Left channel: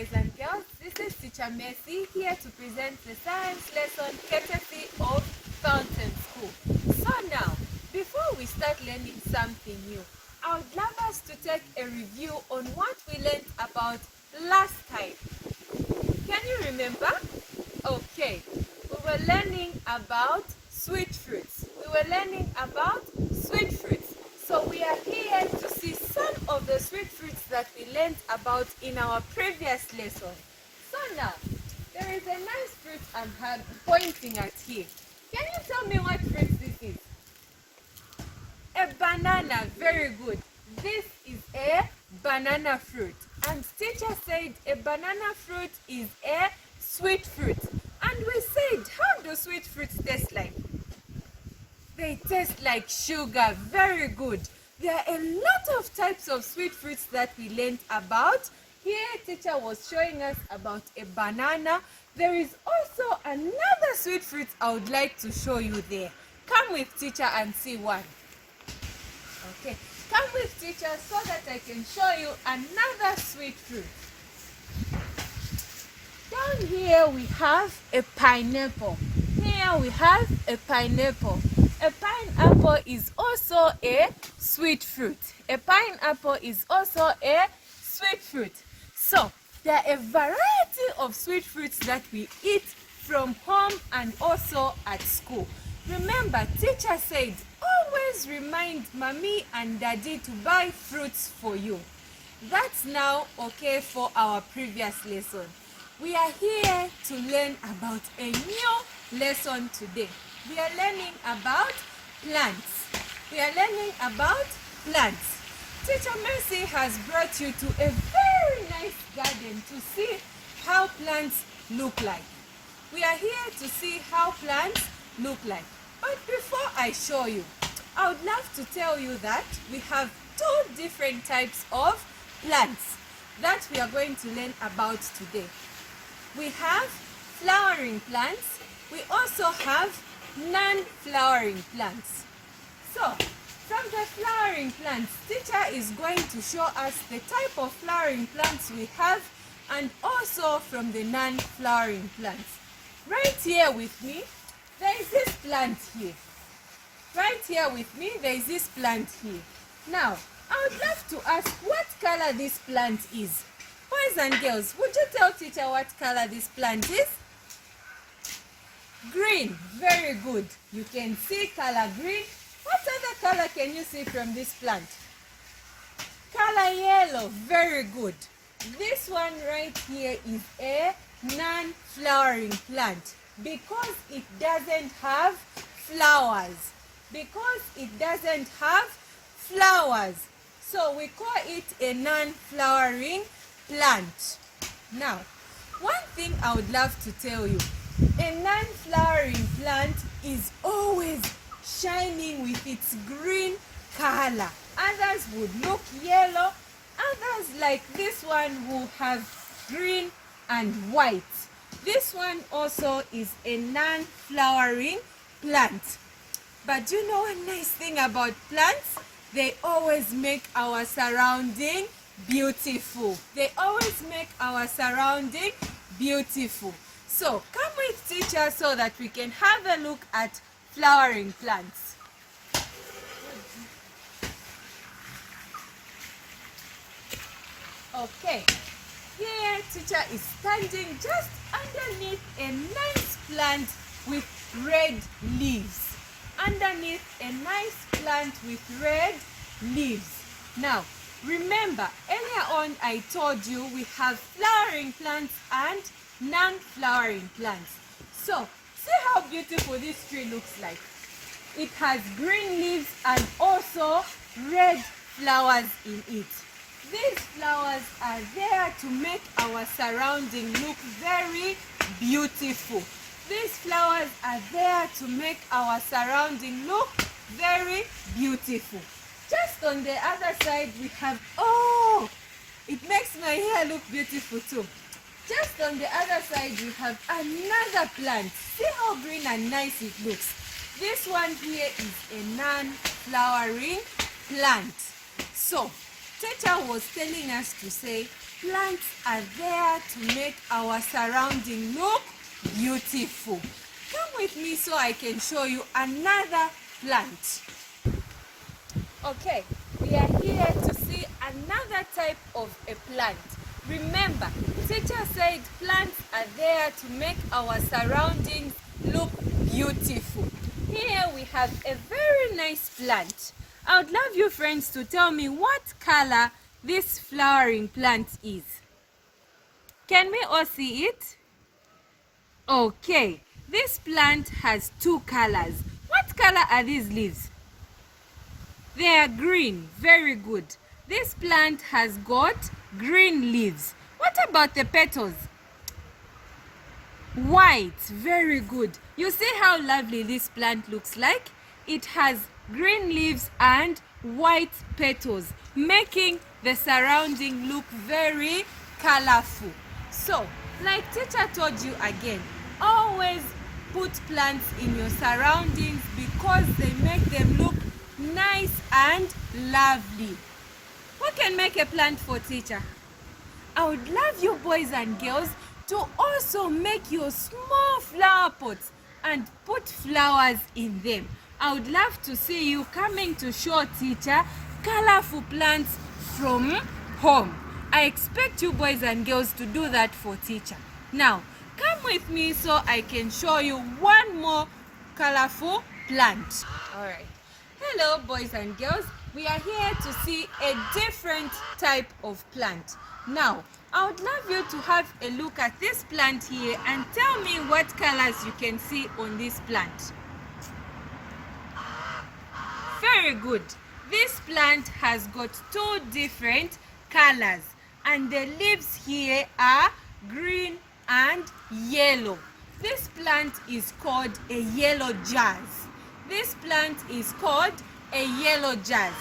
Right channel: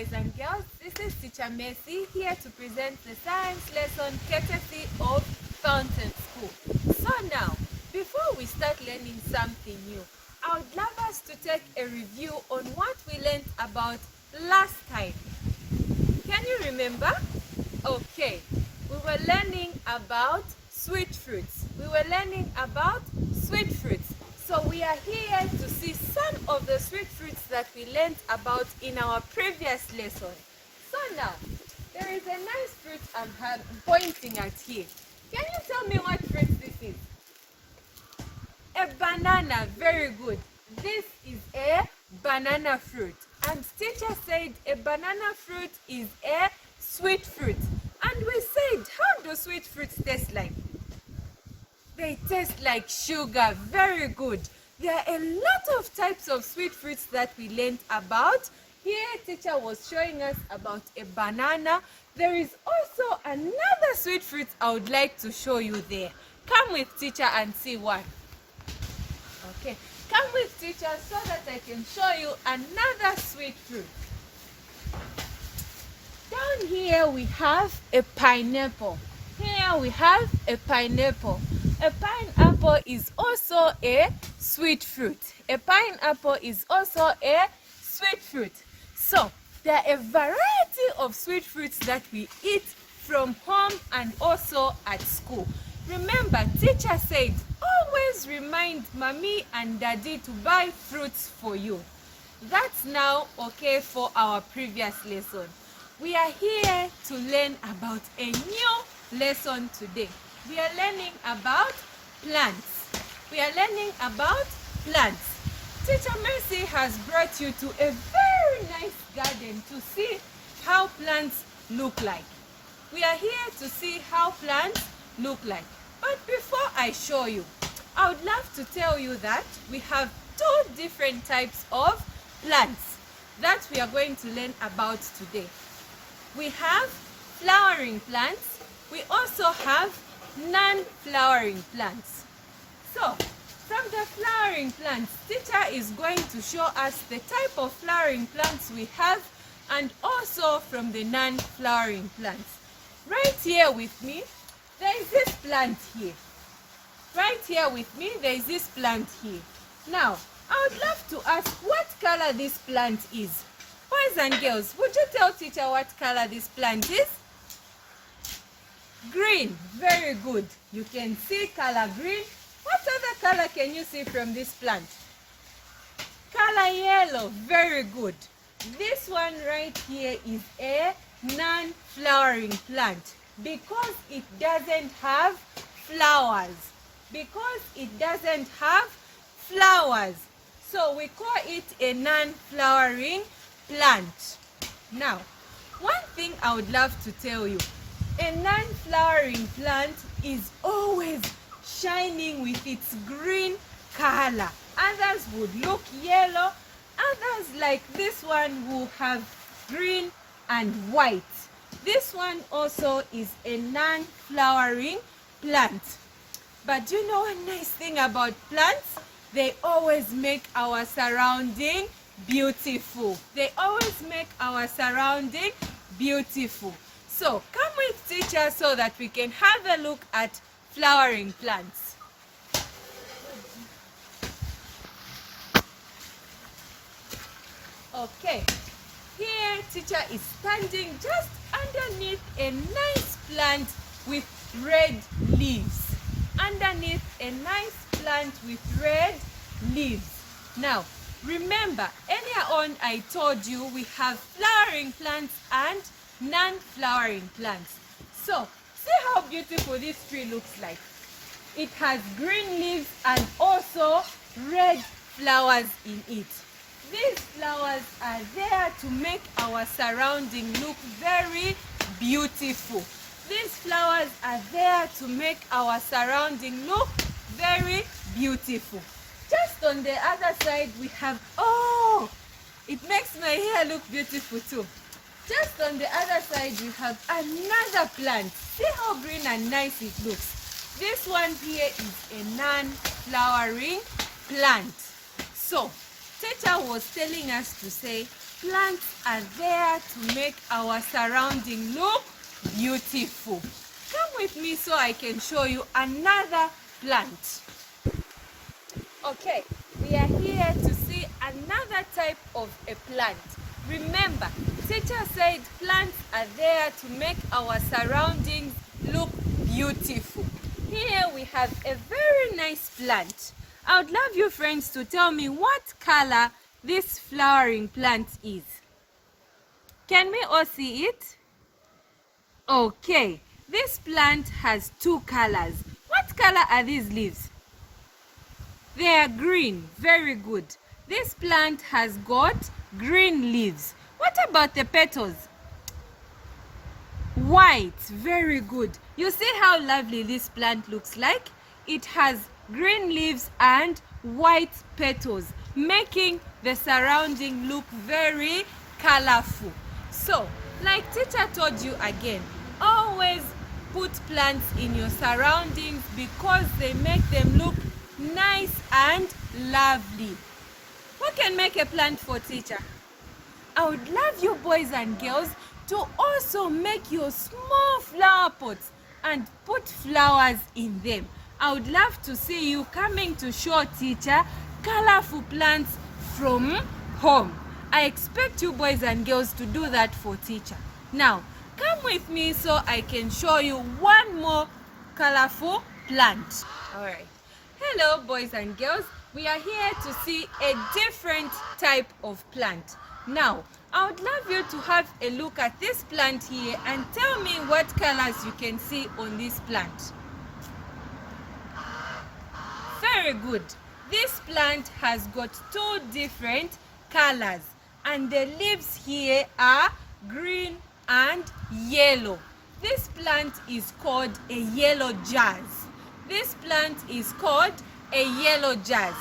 boys and girls. This is Teacher Mercy here to present the science lesson courtesy of Fountain School. So now, before we start learning something new, I would love us to take a review on what we learned about last time. Can you remember? Okay, we were learning about sweet fruits. So we are here to see some of the sweet fruits that we learned about in our previous lesson. So now, there is a nice fruit I'm pointing at here. Can you tell me what fruit this is? A banana. Very good. This is a banana fruit. And teacher said a banana fruit is a sweet fruit. And we said, how do sweet fruits taste like? They taste like sugar. Very good. There are a lot of types of sweet fruits that we learned about. Here, teacher was showing us about a banana. There is also another sweet fruit I would like to show you there. Come with teacher and see one. Okay, come with teacher so that I can show you another sweet fruit. Down here we have a pineapple. A pineapple is also a sweet fruit. So, there are a variety of sweet fruits that we eat from home and also at school. Remember, teacher said, always remind mommy and daddy to buy fruits for you. That's now okay for our previous lesson. We are here to learn about a new lesson today. We are learning about plants. Teacher Mercy has brought you to a very nice garden to see how plants look like. We are here to see how plants look like. But before I show you, I would love to tell you that we have two different types of plants that we are going to learn about today. We have flowering plants. We also have non-flowering plants. So, from the flowering plants, teacher is going to show us the type of flowering plants we have and also from the non-flowering plants. Right here with me, there is this plant here. Now, I would love to ask what color this plant is. Boys and girls, would you tell teacher what color this plant is? Green. Very good. You can see color green. What other color can you see from this plant? Color yellow. Very good. This one right here is a non-flowering plant because it doesn't have flowers. So we call it a non-flowering plant. Now, one thing I would love to tell you, a non-flowering plant is always shining with its green color. Others would look yellow. Others like this one will have green and white. This one also is a non-flowering plant. But do you know one nice thing about plants? They always make our surrounding beautiful. So, come with teacher so that we can have a look at flowering plants. Okay, here teacher is standing just underneath a nice plant with red leaves. Now, remember, earlier on I told you we have flowering plants and non-flowering plants. So, see how beautiful this tree looks like. It has green leaves and also red flowers in it. These flowers are there to make our surrounding look very beautiful. Just on the other side we have, it makes my hair look beautiful too. Just on the other side we have another plant. See how green and nice it looks. This one here is a non-flowering plant. So, teacher was telling us to say Plants are there to make our surrounding look beautiful. Come with me so I can show you another plant. Okay, we are here to see another type of a plant. Remember, teacher said plants are there to make our surroundings look beautiful. Here we have a very nice plant. I would love you friends to tell me what color this flowering plant is. Can we all see it? Okay, this plant has two colors. What color are these leaves? They are green. Very good. This plant has got green leaves. What about the petals? White. Very good. You see how lovely this plant looks like? It has green leaves and white petals, making the surrounding look very colorful. So, like teacher told you again, always put plants in your surroundings because they make them look nice and lovely. What can make a plant for teacher? I would love you boys and girls to also make your small flower pots and put flowers in them. I would love to see you coming to show teacher colorful plants from home. I expect you boys and girls to do that for teacher. Now, come with me so I can show you one more colorful plant. Alright. Hello boys and girls. We are here to see a different type of plant. Now, I would love you to have a look at this plant here and tell me what colors you can see on this plant. Very good. This plant has got two different colors and the leaves here are green and yellow. This plant is called a yellow jazz. This plant is called a yellow jazz.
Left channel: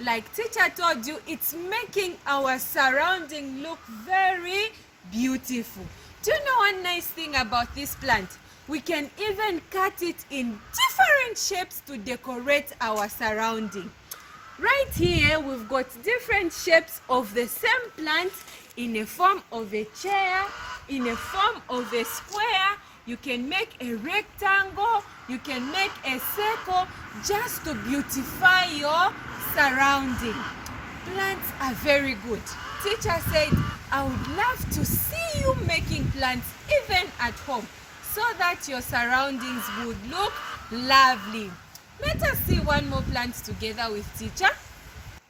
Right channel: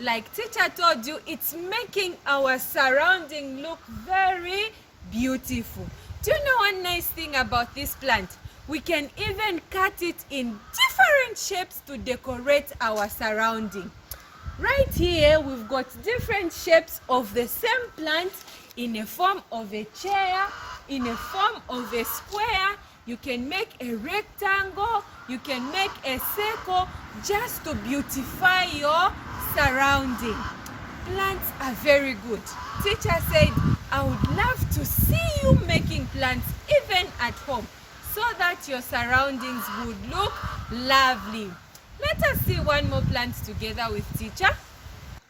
Like teacher told you, it's making our surrounding look very beautiful. Do you know one nice thing about this plant? We can even cut it in different shapes to decorate our surrounding. Right here, we've got different shapes of the same plant in a form of a chair, in a form of a square. You can make a rectangle, you can make a circle just to beautify your surrounding. Plants are very good. Teacher said, I would love to see you making plants even at home so that your surroundings would look lovely. Let us see one more plant together with teacher.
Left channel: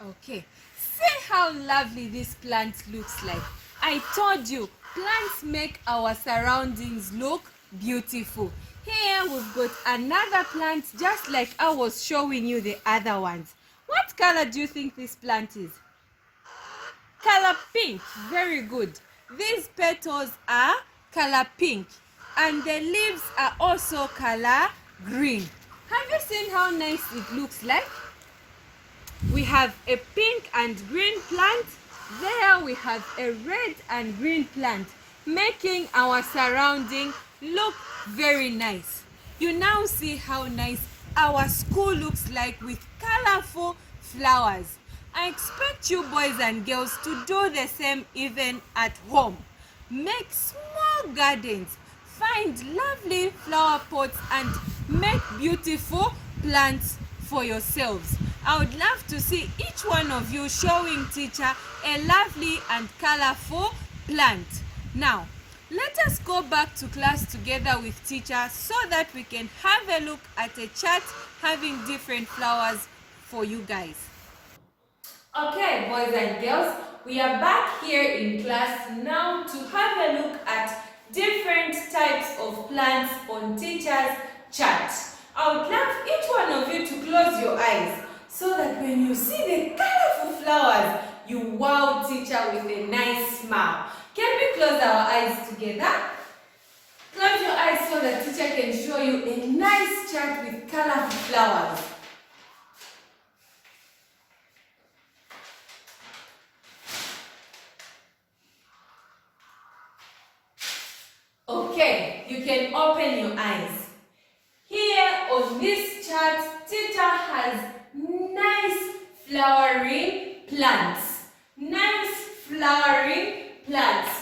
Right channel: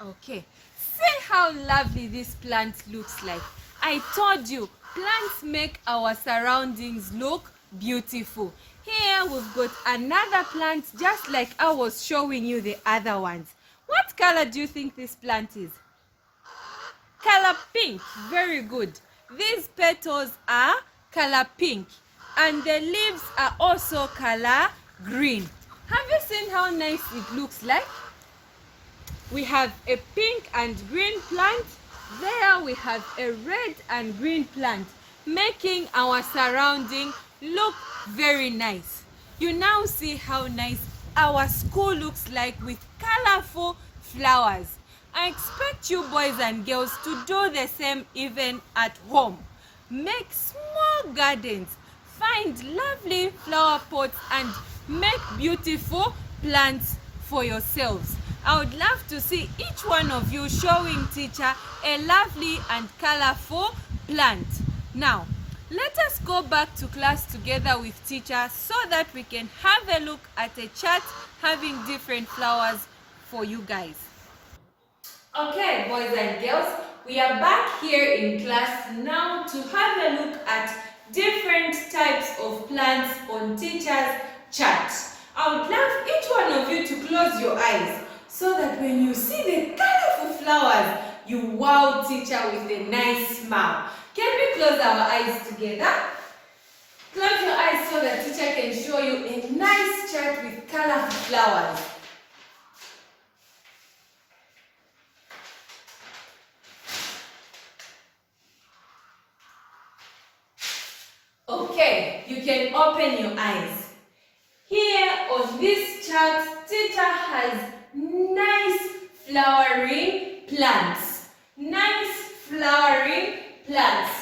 Okay, see how lovely this plant looks like. I told you, plants make our surroundings look beautiful. Here we've got another plant just like I was showing you the other ones. What color do you think this plant is? Color pink. Very good. These petals are color pink and the leaves are also color green. Have you seen how nice it looks like? We have a pink and green plant. There we have a red and green plant, making our surrounding look very nice. You now see how nice our school looks like with colorful flowers. I expect you boys and girls to do the same even at home. Make small gardens, find lovely flower pots and make beautiful plants for yourselves. I would love to see each one of you showing teacher a lovely and colorful plant. Now, let us go back to class together with teacher so that we can have a look at a chart having different flowers for you guys. Okay, boys and girls, we are back here in class now to have a look at different types of plants on teacher's chart. I would love each one of you to close your eyes so that when you see the colorful flowers, you wow teacher with a nice smile. Can we close our eyes together? Close your eyes so that teacher can show you a nice chart with colorful flowers. Okay, you can open your eyes. Here on this chart, teacher has nice flowering plants. Nice flowering plants.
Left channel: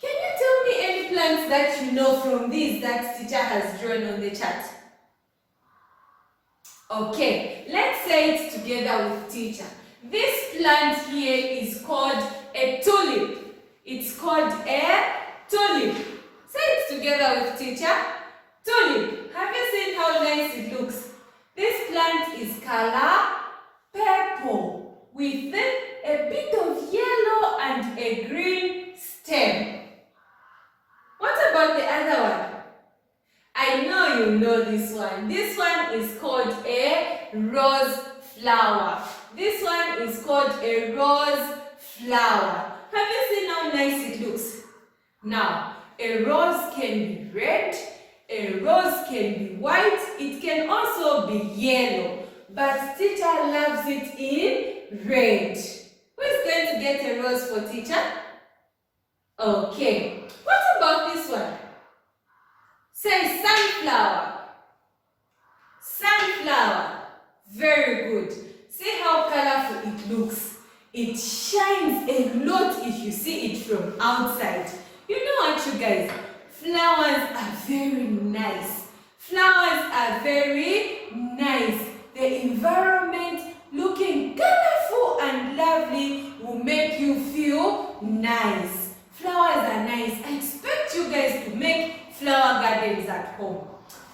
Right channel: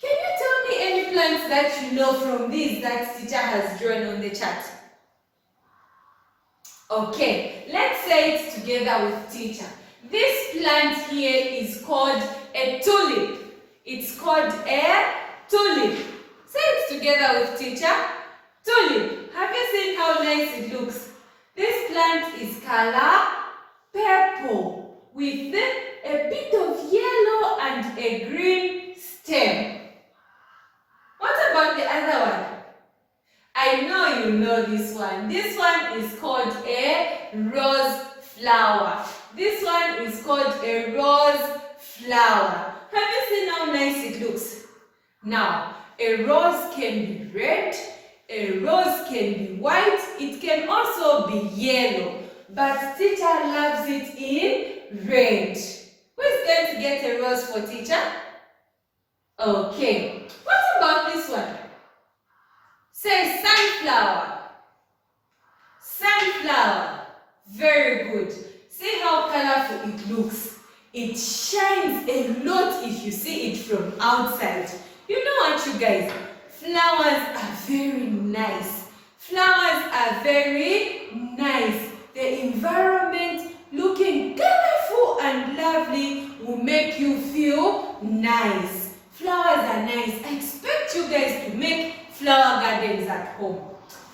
Can you tell me any plants that you know from these that teacher has drawn on the chart? Okay, let's say it together with teacher. This plant here is called a tulip. It's called a tulip. Say it together with teacher. Tulip. Have you seen how nice it looks? This plant is color purple with a bit of yellow and a green stem. What about the other one? I know you know this one. This one is called a rose flower. This one is called a rose flower. Have you seen how nice it looks? Now, a rose can be red, a rose can be white, it can also be yellow, but teacher loves it in red. Who is going to get a rose for teacher? Okay, what about this one? Say sunflower. Sunflower. Very good. See how colorful it looks. It shines a lot if you see it from outside. You know what, you guys? Flowers are very nice. Flowers are very nice. The environment looking colorful and lovely will make you feel nice. Flowers are nice. I expect you guys to make flower gardens at home.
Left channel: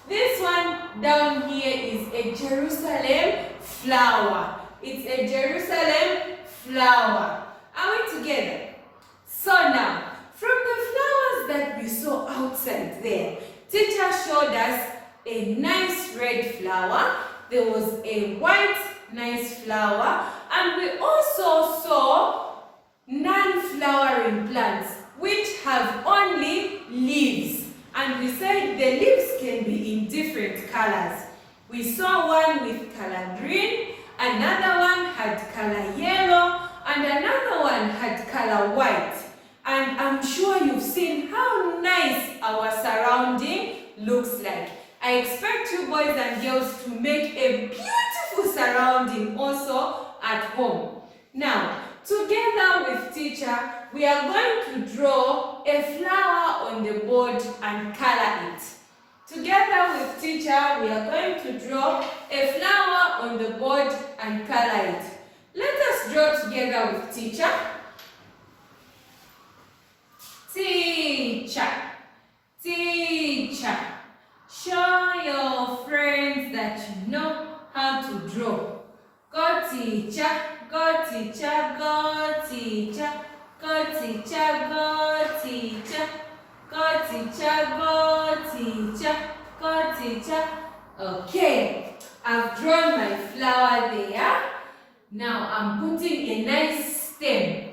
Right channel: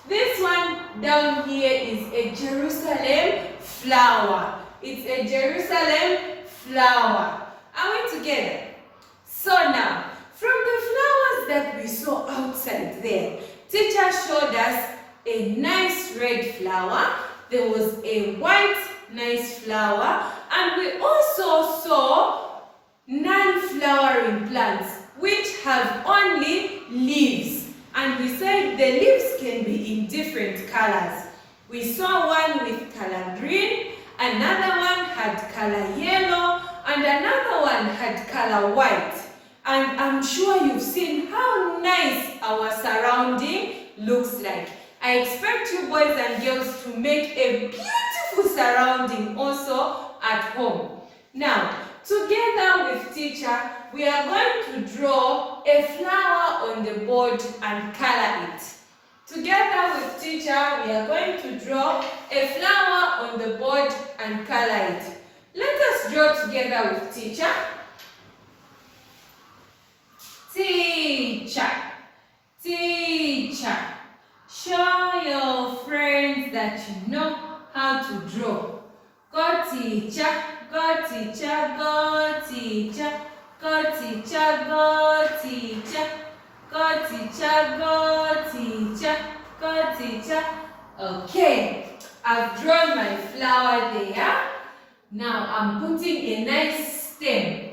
This one down here is a Jerusalem flower. It's a Jerusalem flower. Are we together? So now, from the flowers that we saw outside there, teacher showed us a nice red flower. There was a white nice flower, and we also saw non-flowering plants which have only leaves. And we said the leaves can be in different colors. We saw one with color green, another one had color yellow, and another one had color white. And I'm sure you've seen how nice our surrounding looks like. I expect you boys and girls to make a beautiful surrounding also at home. Now, together with teacher, we are going to draw a flower on the board and color it. Together with teacher, we are going to draw a flower on the board and color it. Let us draw together with teacher. Teacher, teacher, show your friends that you know how to draw. Go teacher, go teacher, go teacher, go teacher, go teacher, go teacher, go teacher, go teacher. Okay, I've drawn my flower there. Now I'm putting a nice stem.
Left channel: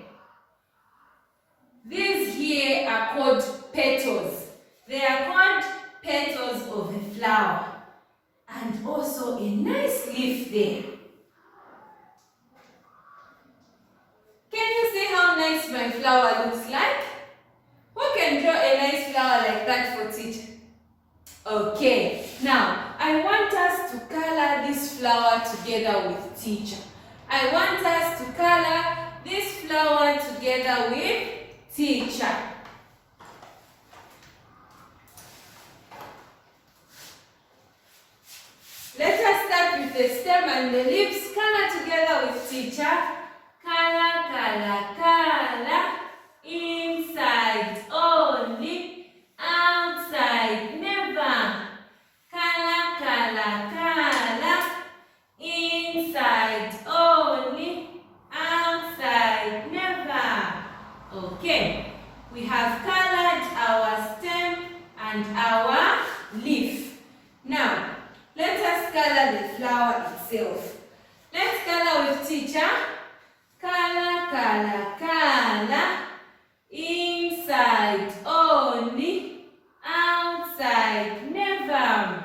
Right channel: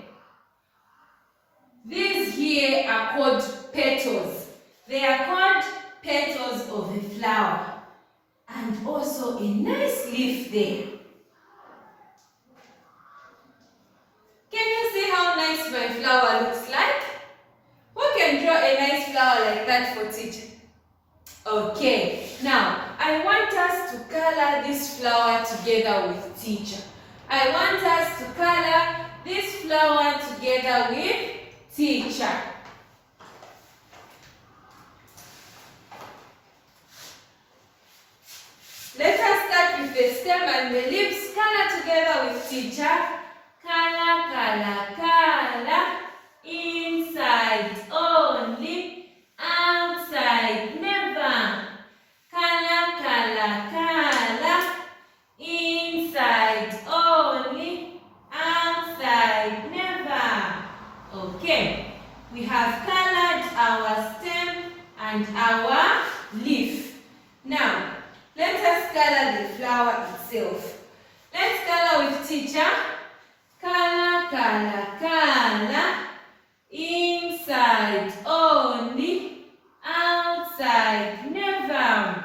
These here are called petals. They are called petals of a flower. And also a nice leaf there. Can you see how nice my flower looks like? Who can draw a nice flower like that for teacher? Okay, now I want us to color this flower together with teacher. I want us to color this flower together with teacher. Let us start with the stem and the leaves. Color together with teacher. Color, color, color. Inside only, outside never. Color, color, color. Inside only, outside never. Okay, we have colored our stem and our leaf. Now, let us color the flower itself. Let's color with teacher. Color, color, color. Inside only, outside never.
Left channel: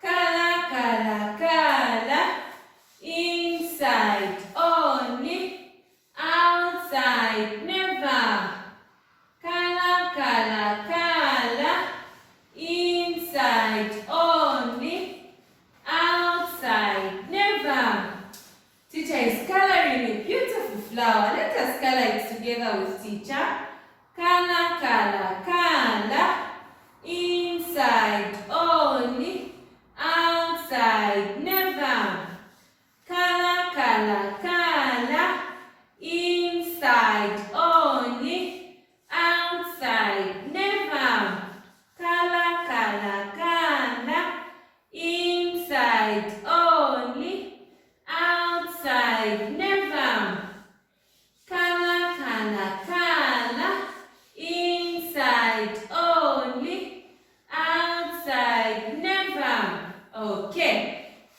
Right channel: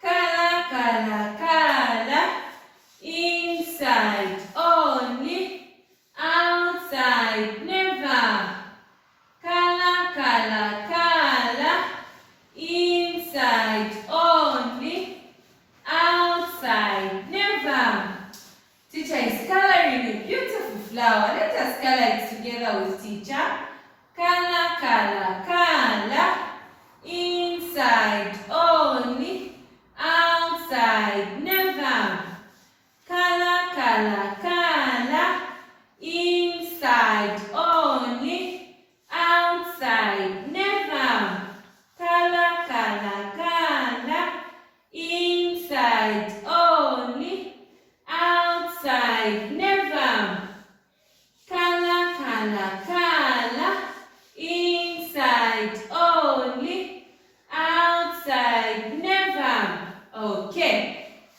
Color, color, color. Inside only, outside never. Color, color, color. Inside only, outside never. Teacher is coloring a beautiful flower. Let us color it together with teacher. color, color. Inside only, outside never. Color, color, color. Inside only, outside never. Color, color, color. Inside only, outside never. Color, color, color. Inside only, outside never. Okay.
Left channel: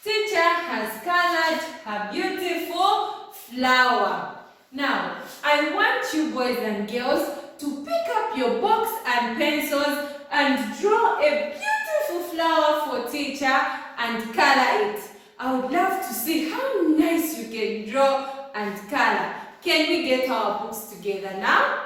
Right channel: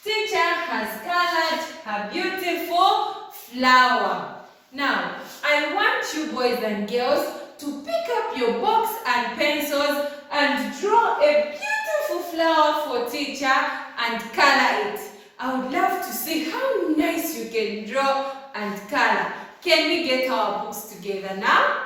Teacher has colored her beautiful flower. Now, I want you boys and girls to pick up your box and pencils and draw a beautiful flower for teacher and color it. I would love to see how nice you can draw and color. Can we get our books together now?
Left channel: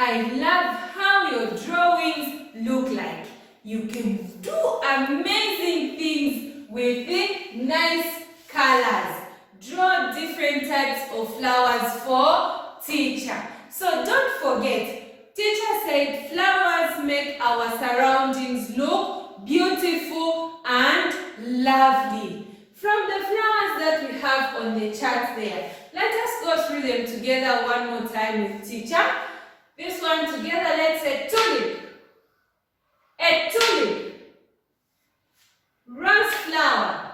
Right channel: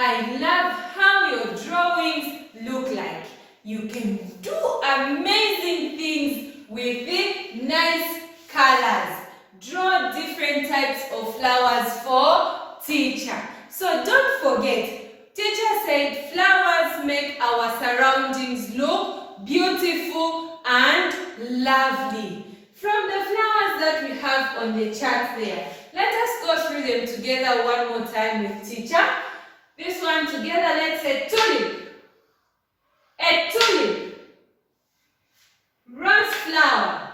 I love how your drawings look like. You can do amazing things with the nice colors. Draw different types of flowers for teacher. So don't forget, teacher said flowers make our surroundings look beautiful and lovely. From the flowers that we have on the chart there, let us go through them together one more time with teacher. This one together, let's say tulip. A tulip. Rose flower.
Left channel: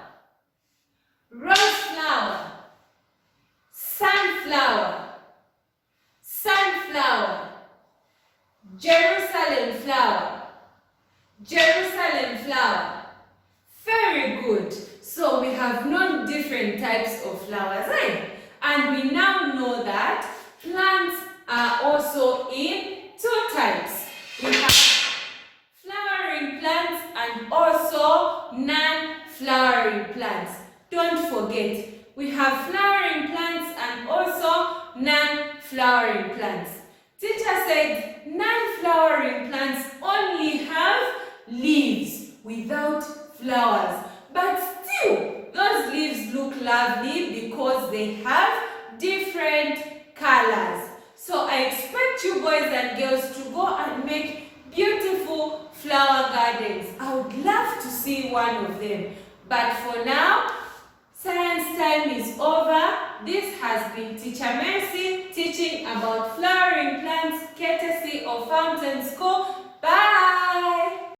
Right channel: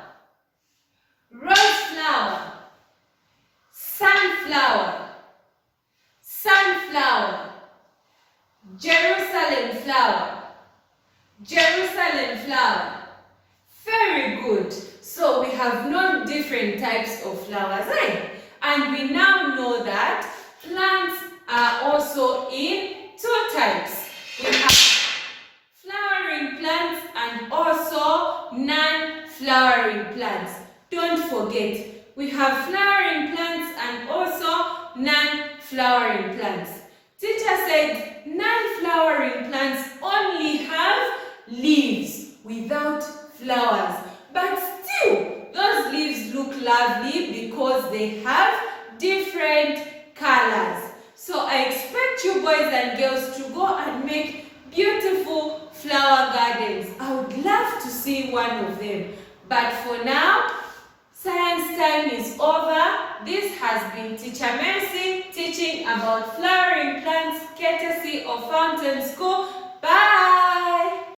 Rose flower. Sunflower. Sunflower. Jerusalem flower. Jerusalem flower. Very good. So we have known different types of flowers, right? And we now know that plants are also in two types. We have flowering plants and also non-flowering plants. Don't forget, we have flowering plants and also non-flowering plants. Teacher said non-flowering plants only have leaves without flowers. But still, those leaves look lovely because they have different colors. So I expect you boys and girls to go and make beautiful flower gardens. I would love to see one of them. But for now, science time is over. This has been Teacher Mercy teaching about flowering plants courtesy of Fountain School. Bye!